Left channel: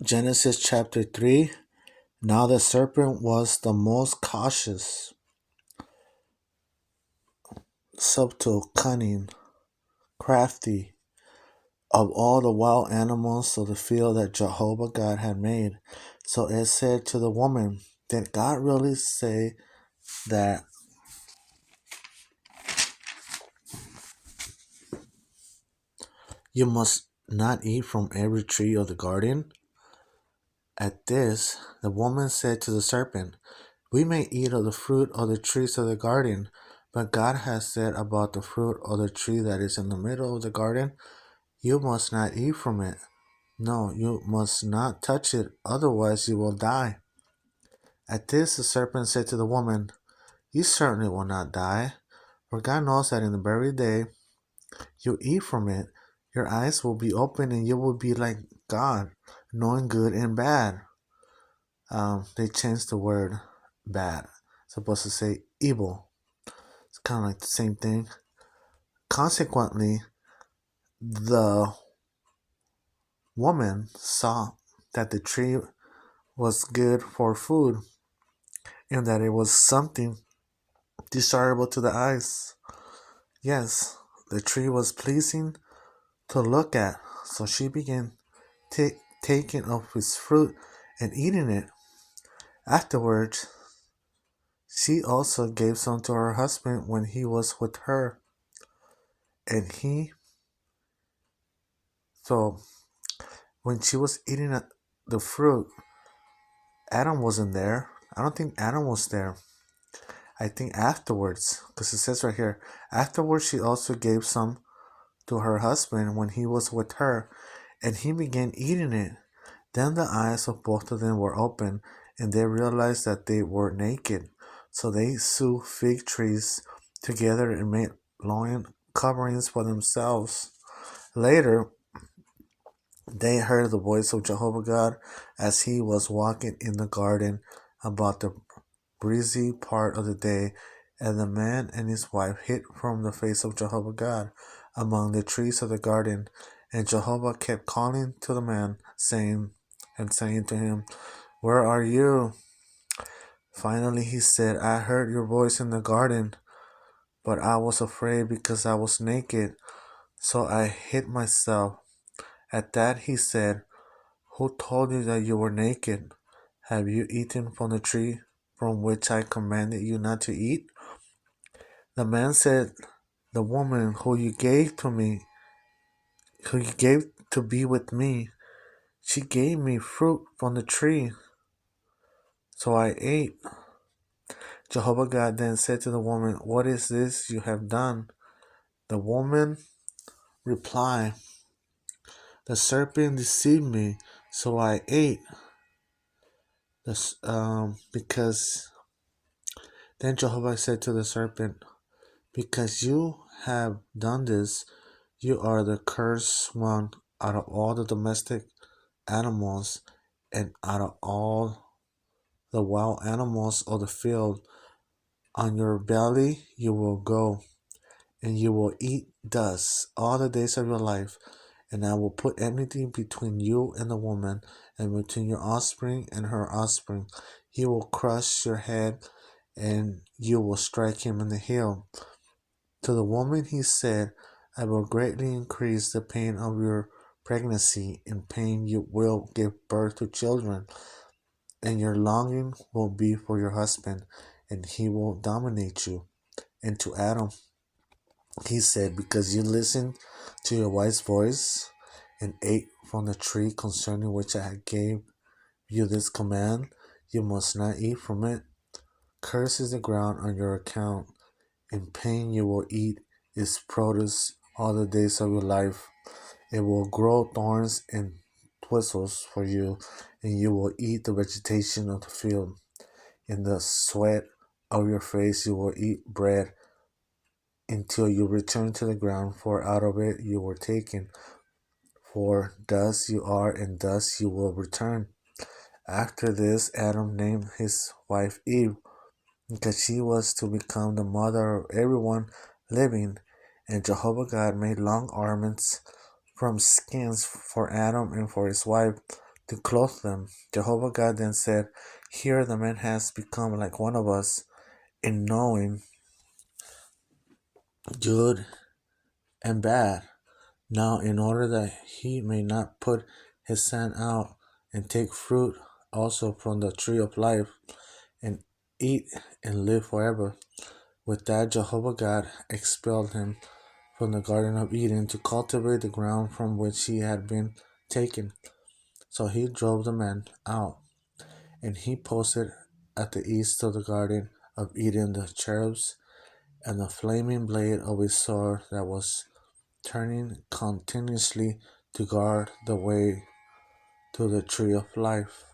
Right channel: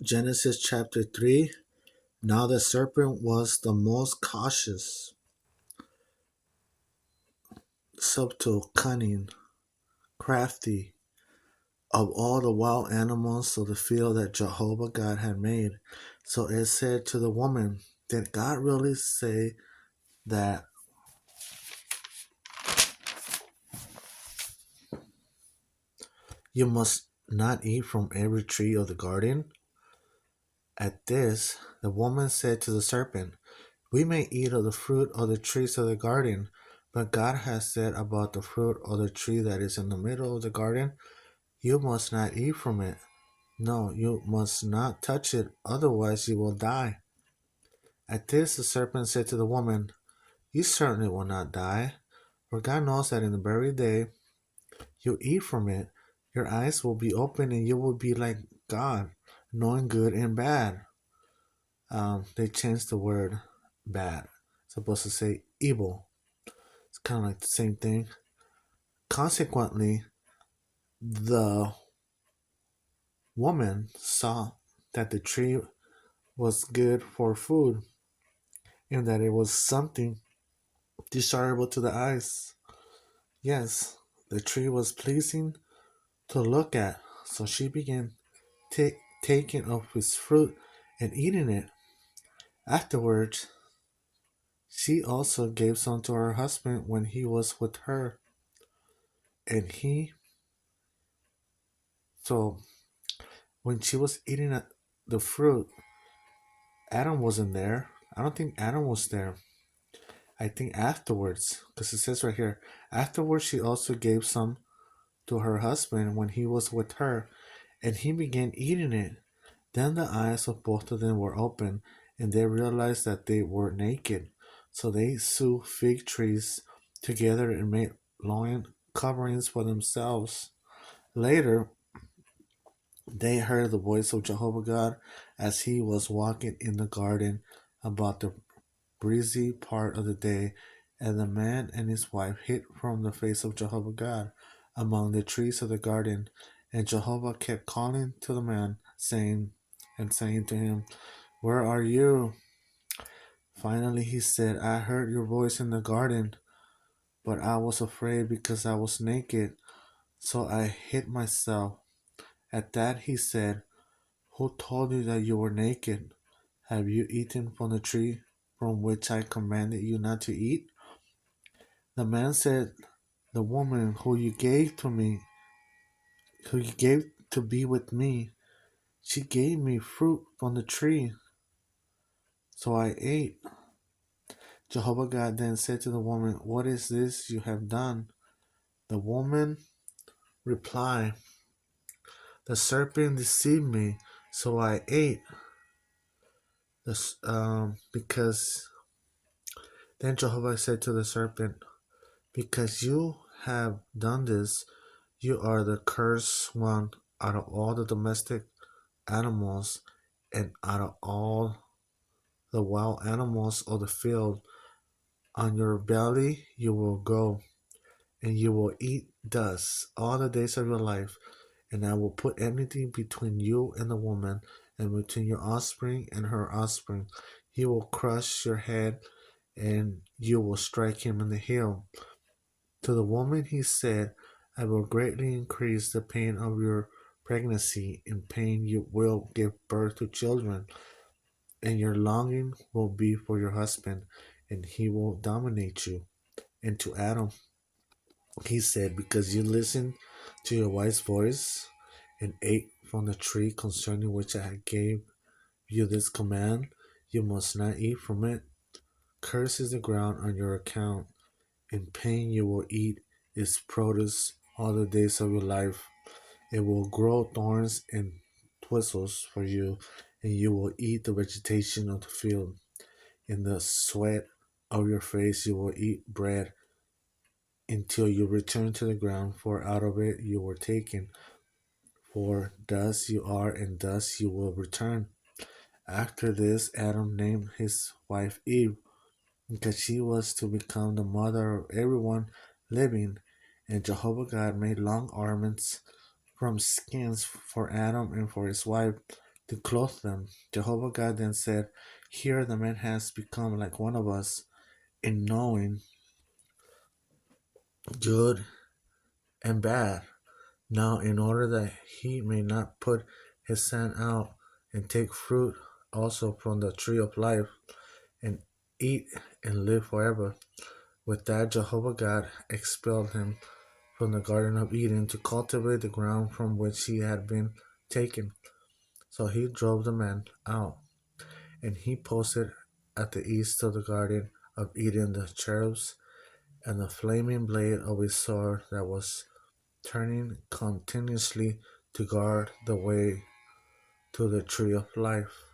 Genesis chapter 3. Now the serpent was the most cautious, subtle, cunning, crafty of all the wild animals of the field that Jehovah God had made. So it said to the woman, did God really say that you must not eat from every tree of the garden? At this, the woman said to the serpent, we may eat of the fruit of the trees of the garden, but God has said about the fruit of the tree that is in the middle of the garden, you must not eat from it. No, you must not touch it, otherwise you will die. At this, the serpent said to the woman, you certainly will not die, for God knows that in the very day you eat from it, your eyes will be open and you will be like God, knowing good and bad. They changed the word bad. It's supposed to say evil. It's kind of like the same thing. Consequently, the woman saw that the tree was good for food and that it was something desirable to the eyes. Yes, the tree was pleasing to look at, so she began taking of its fruit and eating it. Afterwards, she also gave some to her husband when he was with her, and he so when she was eating the fruit, Adam wasn't there. I don't think Adam was there. I think afterwards, because it says right here, afterwards she also gave some to her husband when he was with her, and he began eating it. Then the eyes of both of them were open, and they realized that they were naked. So they sewed fig trees together and made loin coverings for themselves. Later, they heard the voice of Jehovah God as he was walking in the garden about the breezy part of the day, and the man and his wife hid from the face of Jehovah God among the trees of the garden. And Jehovah kept calling to the man, saying to him, where are you? Finally he said, I heard your voice in the garden, but I was afraid because I was naked, so I hid myself. At that he said, who told you that you were naked? Have you eaten from the tree from which I commanded you not to eat? The man said, the woman who you gave to me, who you gave to be with me, she gave me fruit from the tree, so I ate. Jehovah God then said to the woman, what is this you have done? The woman replied, the serpent deceived me, so I ate. Because then Jehovah said to the serpent, because you have done this, you are the cursed one out of all the domestic animals and out of all the wild animals of the field. On your belly you will go, and you will eat dust all the days of your life. And I will put enmity between you and the woman, and between your offspring and her offspring. He will crush your head, and you will strike him in the heel. To the woman he said, I will greatly increase the pain of your pregnancy. In pain you will give birth to children, and your longing will be for your husband, and he will dominate you. And to Adam he said, because you listened to your wife's voice and ate from the tree concerning which I gave you this command, you must not eat from it. Cursed is the ground on your account. In pain you will eat its produce all the days of your life. It will grow thorns and thistles for you, and you will eat the vegetation of the field. In the sweat of your face you will eat bread until you return to the ground, for out of it you were taken. For dust you are, and dust you will return. After this, Adam named his wife Eve, because she was to become the mother of everyone living. And Jehovah God made long garments from skins for Adam and for his wife. to clothe them. Jehovah God then said, "Here the man has become like one of us in knowing good and bad. Now, in order that he may not put his hand out and take fruit also from the tree of life and eat and live forever." With that, Jehovah God expelled him from the Garden of Eden to cultivate the ground from which he had been taken. So he drove the man out, and he posted at the east of the Garden of Eden the cherubs and the flaming blade of his sword that was turning continuously to guard the way to the tree of life.